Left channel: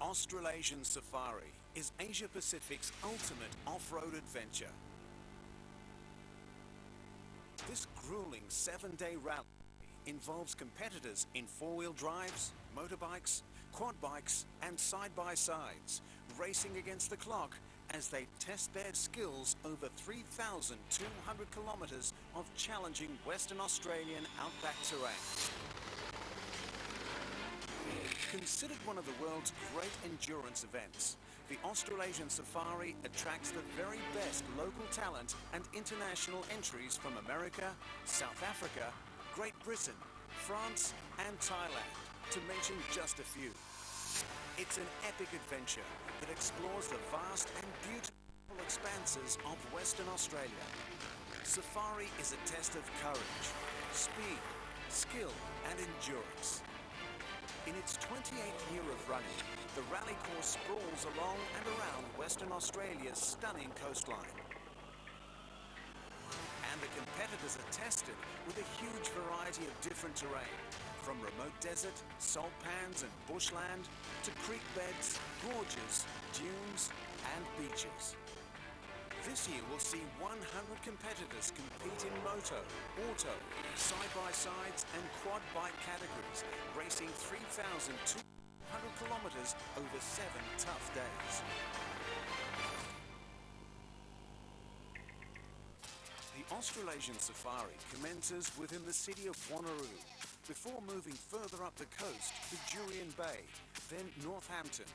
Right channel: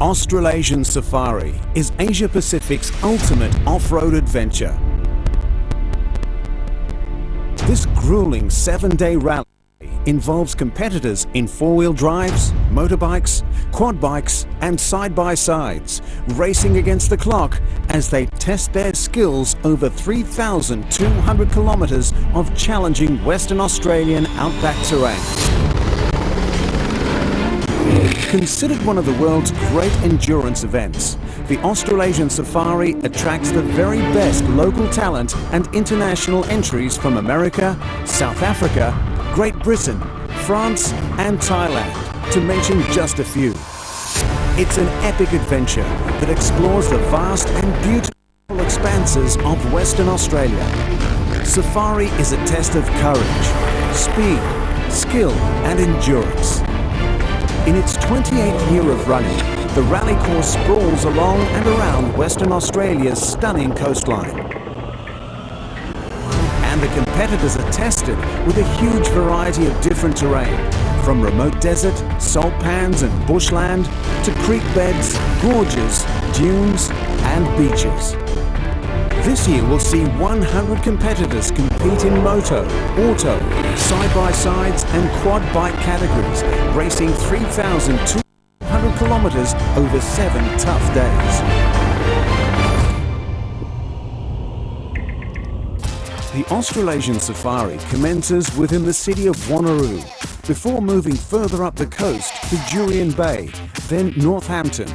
Australasian Safari is Asia Pacific's ultimate off-road adventure. This grueling 7-day rally involves competitors in four-wheel drives, motorbikes, quad bikes and side-by-sides, racing against the clock as they test their skills over 3,200 kilometres of challenging Western Australian outback terrain. Considered one of the world's great endurance events, the Australasian Safari attracts the very best local talent and international entries from America, South Africa, Great Britain, France and Thailand, to mention just a few. It's an epic adventure that explores the vast and beautiful expanses of Western Australia. Safari is a test of courage, speed, skill and endurance. In its 28th year of running, the rally course sprawls along and around Western Australia's stunning coastline. And the competitors are tested with a huge variety of different terrain, from remote desert, salt pans and bushland, to creek beds, gorges, dunes and beaches. This year we'll see 100 competitors compete in moto, auto, side-by-sides and quad bike categories, racing 3,200 kilometres over 7 tough days. The Australasian Safari commences within the city of Wanneroo, before moving further up the coast to Jurien Bay, then Northampton.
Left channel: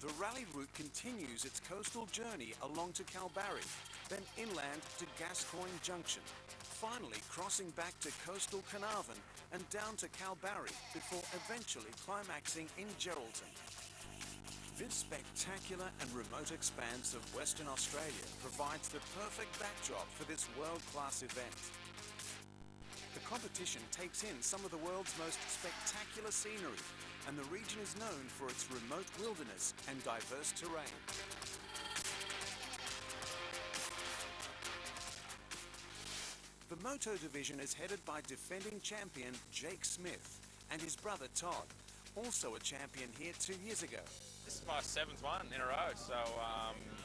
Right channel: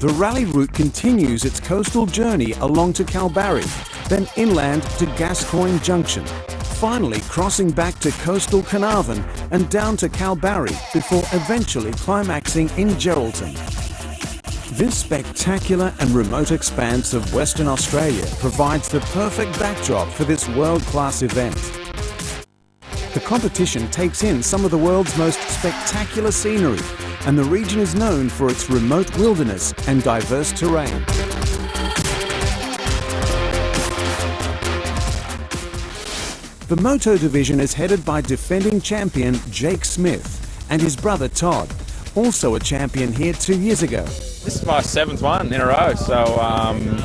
The rally route continues its coastal journey along to Kalbarri, then inland to Gascoyne Junction, finally crossing back to coastal Carnarvon and down to Kalbarri before eventually climaxing in Geraldton. This spectacular and remote expanse of Western Australia provides the perfect backdrop for this world-class event. The competition takes in some of the world's most spectacular scenery, and the region is known for its remote wilderness and diverse terrain. The Moto division is headed by defending champion Jake Smith and his brother Todd, also a champion here 2 years ago. This is my 7th one in a row, so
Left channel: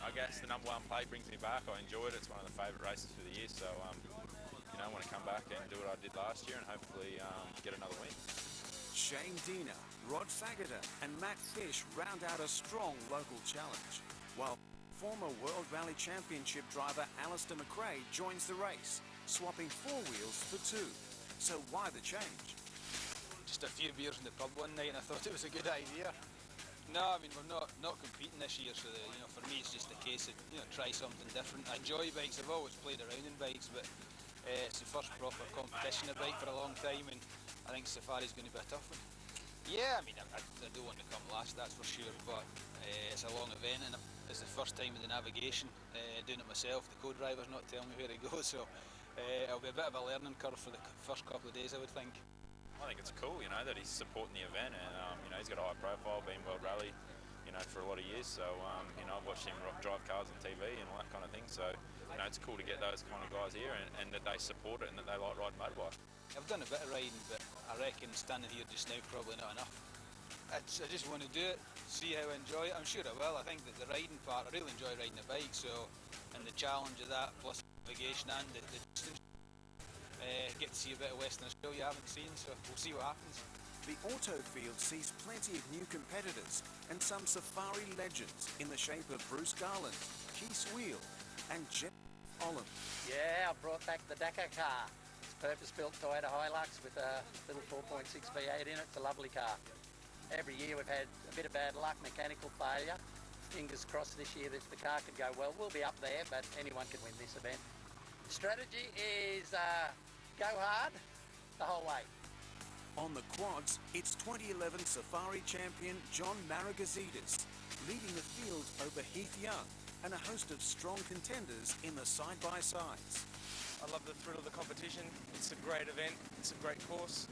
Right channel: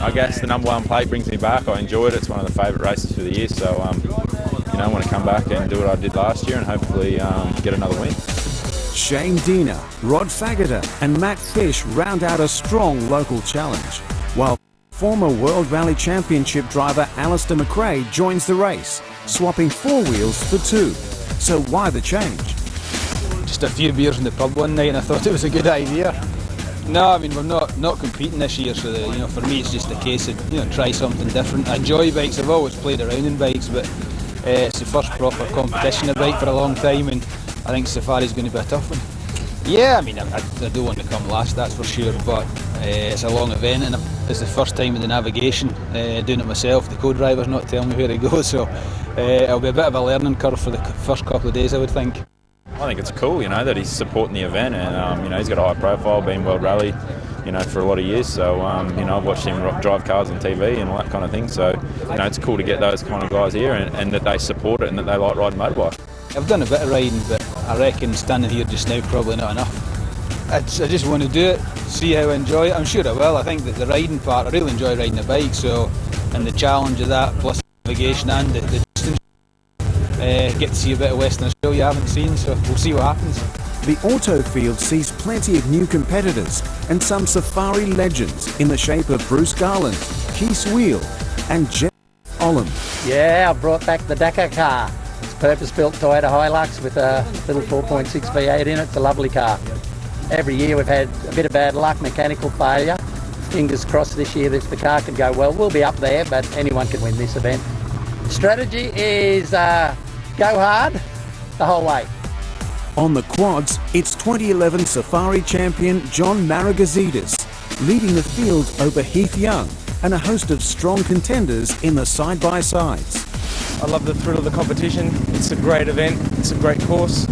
I guess the #1 plate brings me back. I enjoyed it. It's one of the favourite races for the year, so you know, I want to come back and do what I did last year and hopefully get another win. Shane Diener, Rod Faggoter and Matt Fish round out a strong local challenge, while former World Rally Championship driver Alistair McRae joins the race, swapping 4 wheels for 2. So why the change? Just a few beers in the pub one night and I thought it was a good idea. No, I mean, we're not competing this year, so you know, for me it's just a case of, you know, try something different. I enjoy bikes. I've always played around in bikes, but it's the first proper competition of bike for a long time, and I think Safari's going to be a tough one. Yeah, I mean, I do want to come last, that's for sure, but it's a long event and it's the first time with the navigation, doing it myself. The co-driver's not telling me where to go, so it'll be a bit of a learning curve for the first couple of days, I would think. I think it's cool, you know, that he's supporting the event, and you know, he's got a high profile, been World Rally, you know, for a lot of years. So you know, I've watched him drive cars on TV and all that kind of thing. So you know, it's cool to get those kind of guys here and that they support it and that they like riding motorbike. I've done a bit of riding, but I reckon standing here just now probably not enough. I just want to do it, see how I enjoy it. I'm sure I will. I think that the riding part, I really enjoy riding a bike. So, and the challenge of that, plus navigation and the distance. Get to see a bit of Western Australia you haven't seen, so we'll see what happens. The auto field sees plenty of new competitors and some Safari legends in the shape of Bruce Garland, Keith Wheel and Jeff Olam. Yeah, I brought back the Dakar car. It's a purpose-built Toyota Hilux with a little 4.6 V8 in it. It's a lovely car. Every year we've had a bit of bad luck, mechanical failure. Fingers crossed this year the car can go well. We'll be up there, but anyone can win this event. Strategy is go hard the whole way. On the quads, it's 2011 Safari champion John Maragazidis, leading the field over Heath Young and a host of strong contenders in the side-by-sides. I love the thrill of the competition. It's a great event. It's a great course.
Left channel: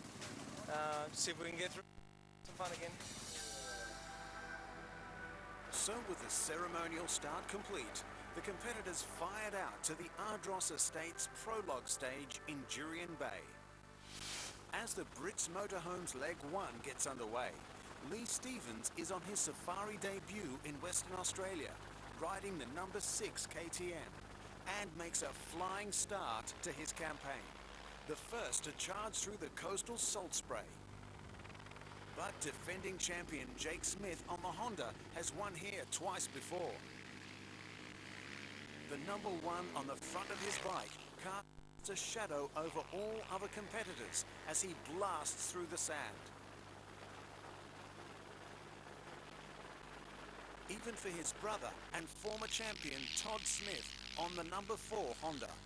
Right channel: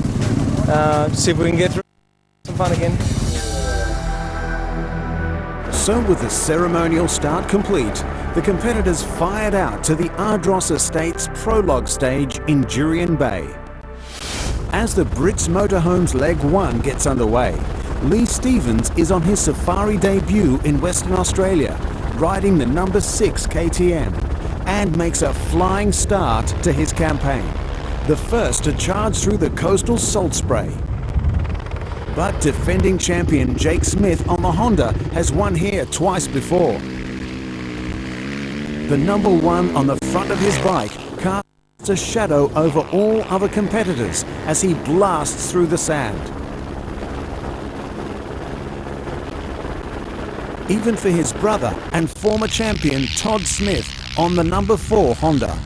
See if we can get through some fun again. So with the ceremonial start complete, the competitors fired out to the Ardross Estates prologue stage in Jurien Bay. As the Brits Motorhomes Leg 1 gets underway, Lee Stevens is on his safari debut in Western Australia, riding the number 6 KTM, and makes a flying start to his campaign, the first to charge through the coastal salt spray. But defending champion Jake Smith on the Honda has won here twice before. The number 1 on the front of his bike casts a shadow over all other competitors as he blasts through the sand. Even for his brother and former champion Todd Smith on the number 4 Honda.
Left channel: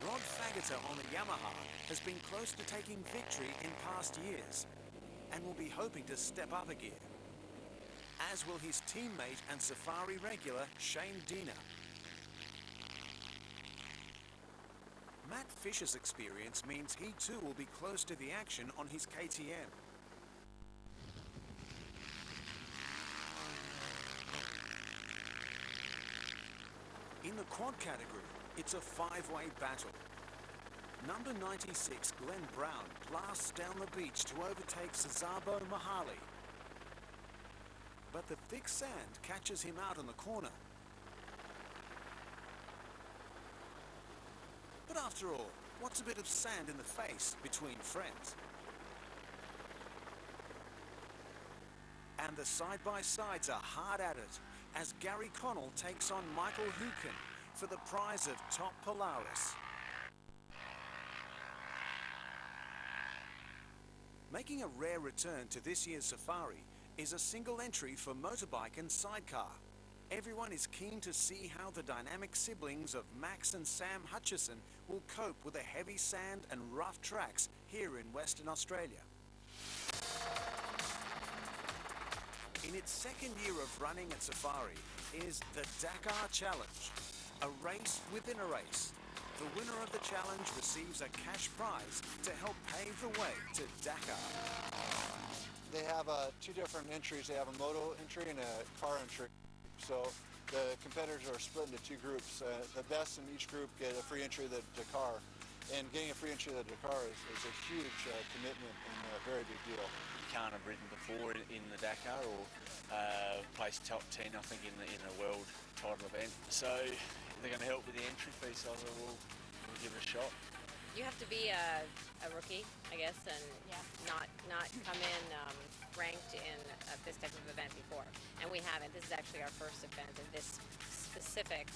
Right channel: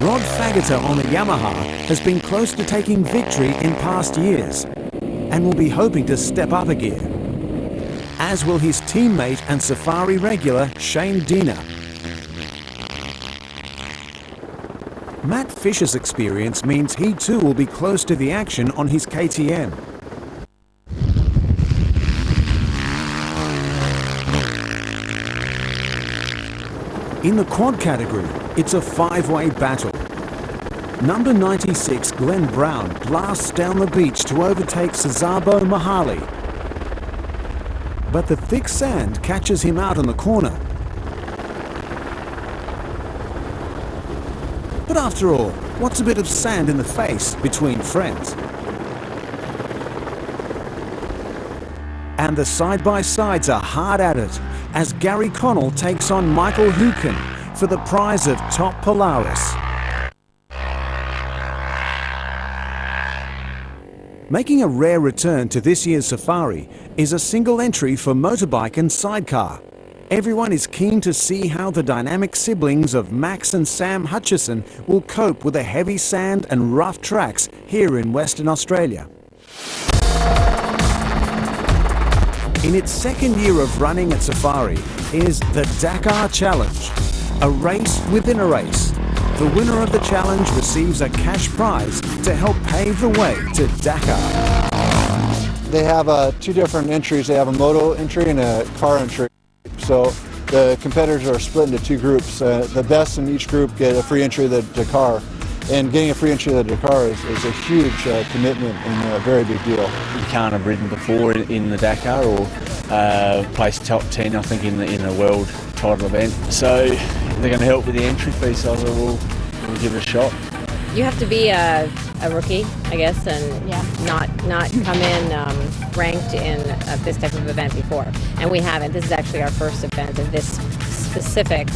Rod Faggoter on the Yamaha has been close to taking victory in past years and will be hoping to step up a gear, as will his teammate and safari regular Shane Diener. Matt Fisher's experience means he too will be close to the action on his KTM. In the quad category, it's a 5-way battle. Number 96 Glenn Brown blasts down the beach to overtake Sazabo Mahali. But the thick sand catches him out on the corner. But after all, what's a bit of sand in the face between friends? And the side-by-sides are hard at it as Gary Connell takes on Michael Hukin for the prize of Top Polaris. Making a rare return to this year's safari is a single entry for motorbike and sidecar. Everyone is keen to see how the dynamic siblings of Max and Sam Hutchison will cope with the heavy sand and rough tracks here in Western Australia. In its second year of running at Safari is the Dakar Challenge, a race within a race. The winner of the challenge receives a cash prize to help pave the way to Dakar. They have 2 different entries. They have a moto entry and a car entry. So the competitors are split into 2 groups. The best in each group get a free entry to the Dakar. And getting a free entry to the Dakar is a huge commitment and a very big deal. You can't have ridden before in the Dakar or placed top 10, I think, in the world title event. So they're going to help with the entry fee, so we'll give it a shot. You have to be a rookie, I guess, and not come in ranked in this type of event before. And we haven't. This is actually our first event of this specific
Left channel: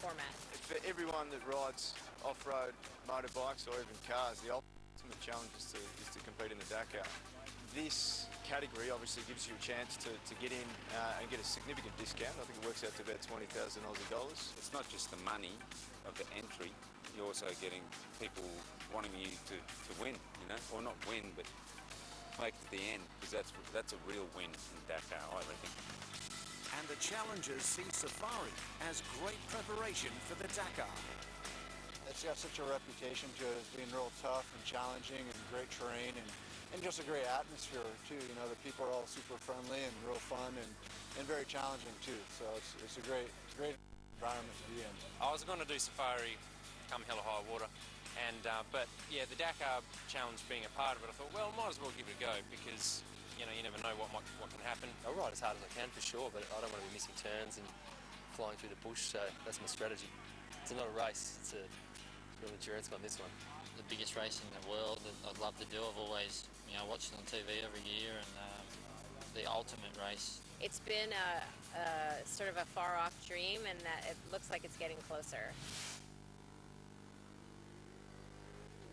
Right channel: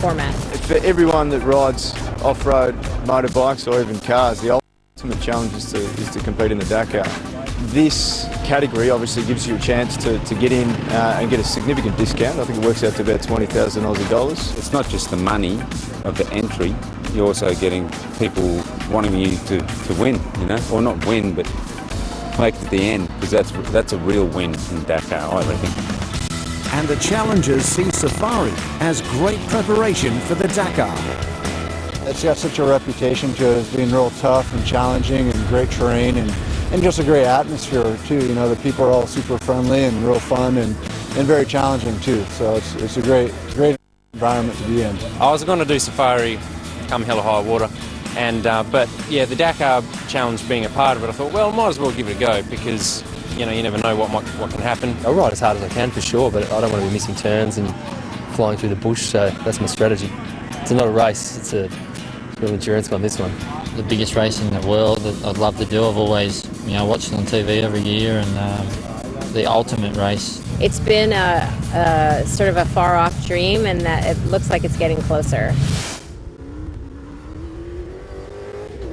format. For everyone that rides off-road motorbikes or even cars, the ultimate challenge is to compete in the Dakar. This category obviously gives you a chance to get in and get a significant discount. I think it works out to about 20,000 Aussie dollars. It's not just the money of the entry, you're also getting people wanting you to win, you know, or not win, but make it to the end, because that's a real win in Dakar, I reckon. And the challengers see Safari as great preparation for the Dakar. It's got such a reputation to it as being real tough and challenging and great terrain and just a great atmosphere too. You know, the people are all super friendly and real fun and very challenging too. So it's a great environment to be in. I was going to do safari come hell or high water, and but yeah, the Dakar challenge being a part of it, I thought, well, might as well give it a go, because you know, you never know what can happen. I'll ride as hard as I can for sure, but I don't want to be missing turns and flying through the bush, so that's my strategy. It's not a race, it's a real endurance one, this one. The biggest race in the world that I'd love to do. I've always, watched it on TV every year, and the ultimate race. It's been a sort of a far-off dream, and that it looks like it's getting closer.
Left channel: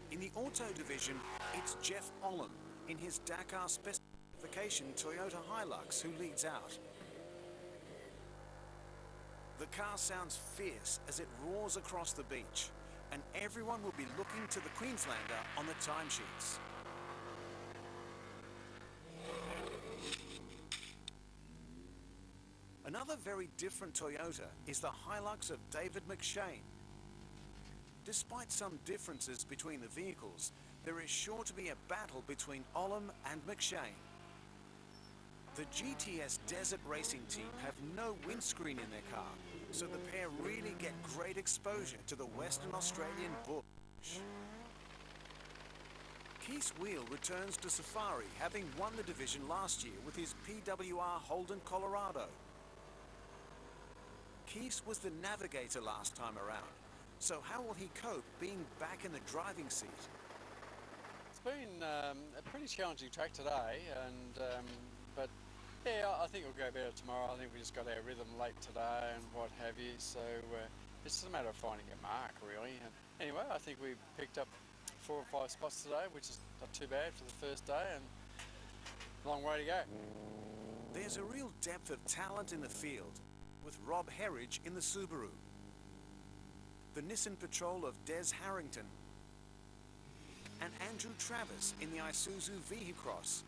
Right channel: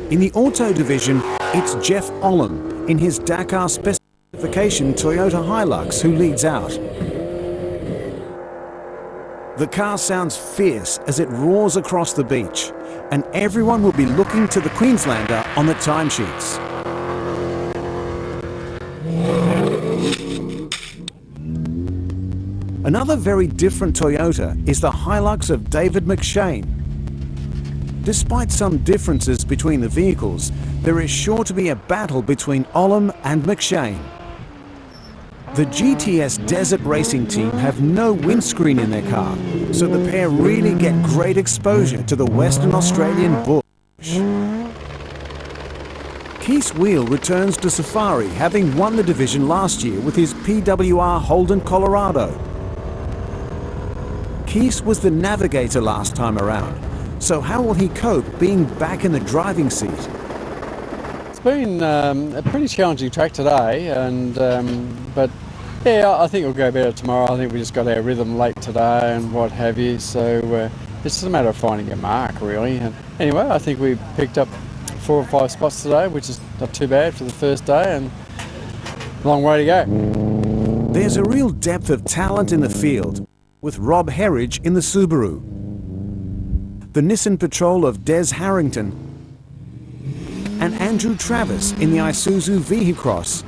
In the auto division, it's Jeff Olam in his Dakar specification Toyota Hilux who leads out. The car sounds fierce as it roars across the beach, and everyone will be looking to the Queenslander on the timesheets. Another very different Toyota is the Hilux of David McShane. Despite some differences between the vehicles, there is sure to be a battle between Olam and McShane. The GTS Desert Racing team have no windscreen in their car, so the pair really get great exposure to the Western Australian bush. Keith's wheel returns to Safari, having won the division last year with his PWR Holden Colorado. Keith was the navigator last time around, so how will he cope being back in the driving seat? It's been a pretty challenging track today, but yeah, I think it'll go better tomorrow. I think we just got our rhythm late today and what have you, so it's just a matter of finding a mark really. And anyway, I think we picked up 4 or 5 spots today, which is not too bad for the first day, and a long way to go. There's a real depth of talent in the field, with Rob Herridge in the Subaru, the Nissan Patrol of Des Harrington, and Andrew Travis in the Isuzu Vehicross.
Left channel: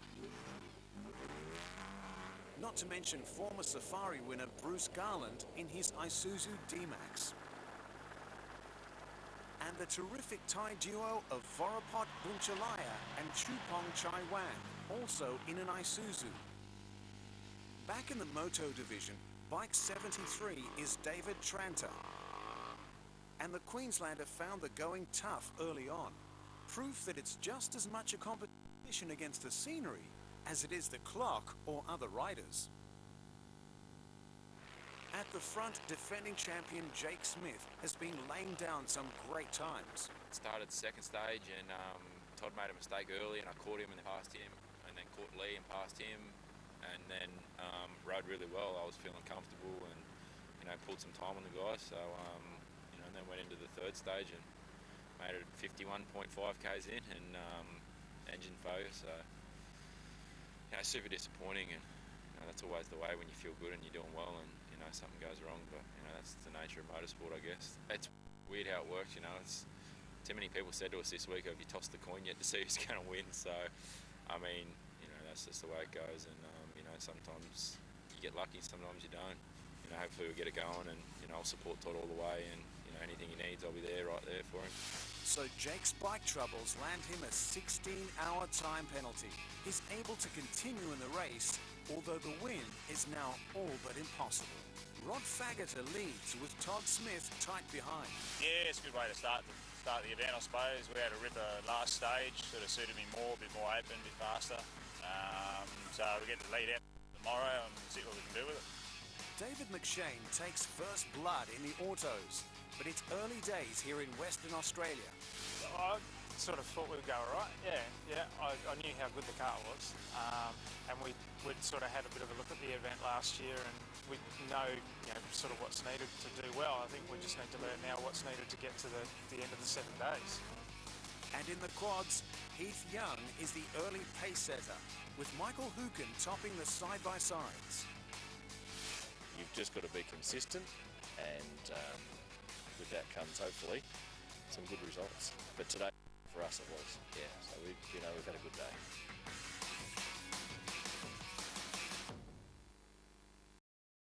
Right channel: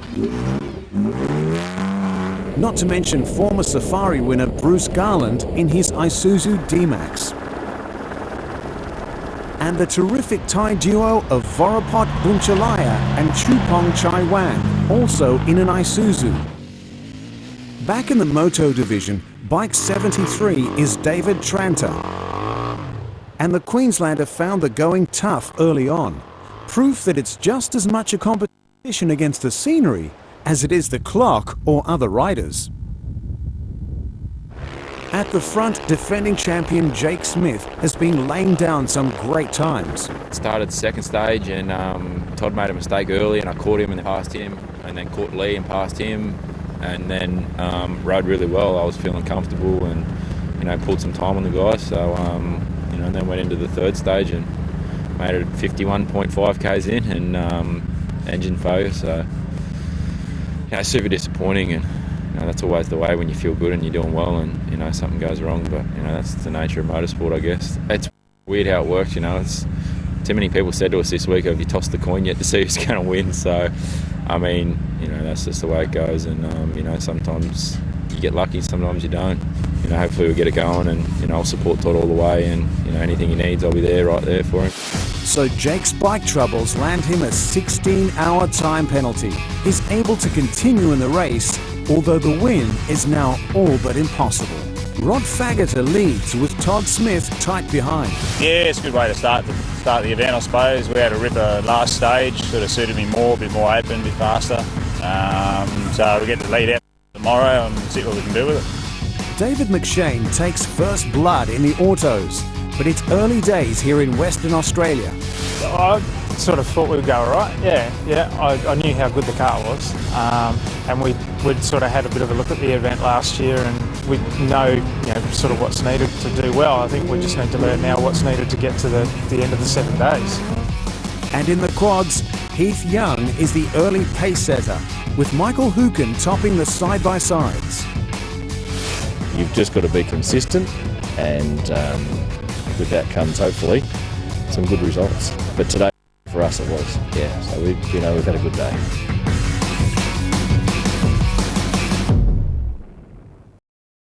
Not to mention former Safari winner Bruce Garland in his Isuzu D-Max. And the terrific Thai duo of Vorapot Bunchalaya and Chupong Chai Wan, also in an Isuzu. Back in the Moto division, Bike 73 is David Tranter. And the Queenslander found the going tough early on. Proof that it's just as much a competition against the scenery as it is the clock or other riders. At the front, defending champion Jake Smith has been laying down some great times. Started second stage and Todd made a mistake early and I caught him and passed him, and then caught Lee and passed him, and then rode really well. I was feeling comfortable and pulled some time on the guys. So and then went into the third stage and made it 51.5 k's in and engine failure. So super disappointing, and that's always the way when you feel good and you're doing well and something goes wrong. But that's the nature of motorsport, I guess. It's weird how it works. It's too many people said to us this week, have you tossed the coin yet to see who's going to win? So I mean, that's just the way it goes, and sometimes you get lucky, sometimes you don't. Hopefully we'll get it going, and I'll support Todd all the way, and anything he needs, I'll be there, right there for him. So Jake's bike troubles land him a 16-hour time penalty. He's able to continue in the race, although the win is now all but impossible. Rod Faggoter leads with Todd Smith tight behind. Yeah, it's a good way to start the event, I suppose. We had a ripper last stage, sort of suited me more, a bit more open, a bit faster. So we get the lead out tomorrow and see what we can do with it. David McShane takes first blood in the autos, but it's early days here in Western Australia. I sort of thought we would go all right. Yeah. I knew how good the car was, and we'd sort of had a bit of a look at the event last year, and we know sort of what's needed to do well. I think we just need to learn now what's needed to get to the end of the 7 days. And in the quads, Heath Young is the early pace setter, with Michael Hooken topping the side-by-sides. You've just got to be consistent, and with that comes hopefully some good results. But today for us it was, so we've had a good day.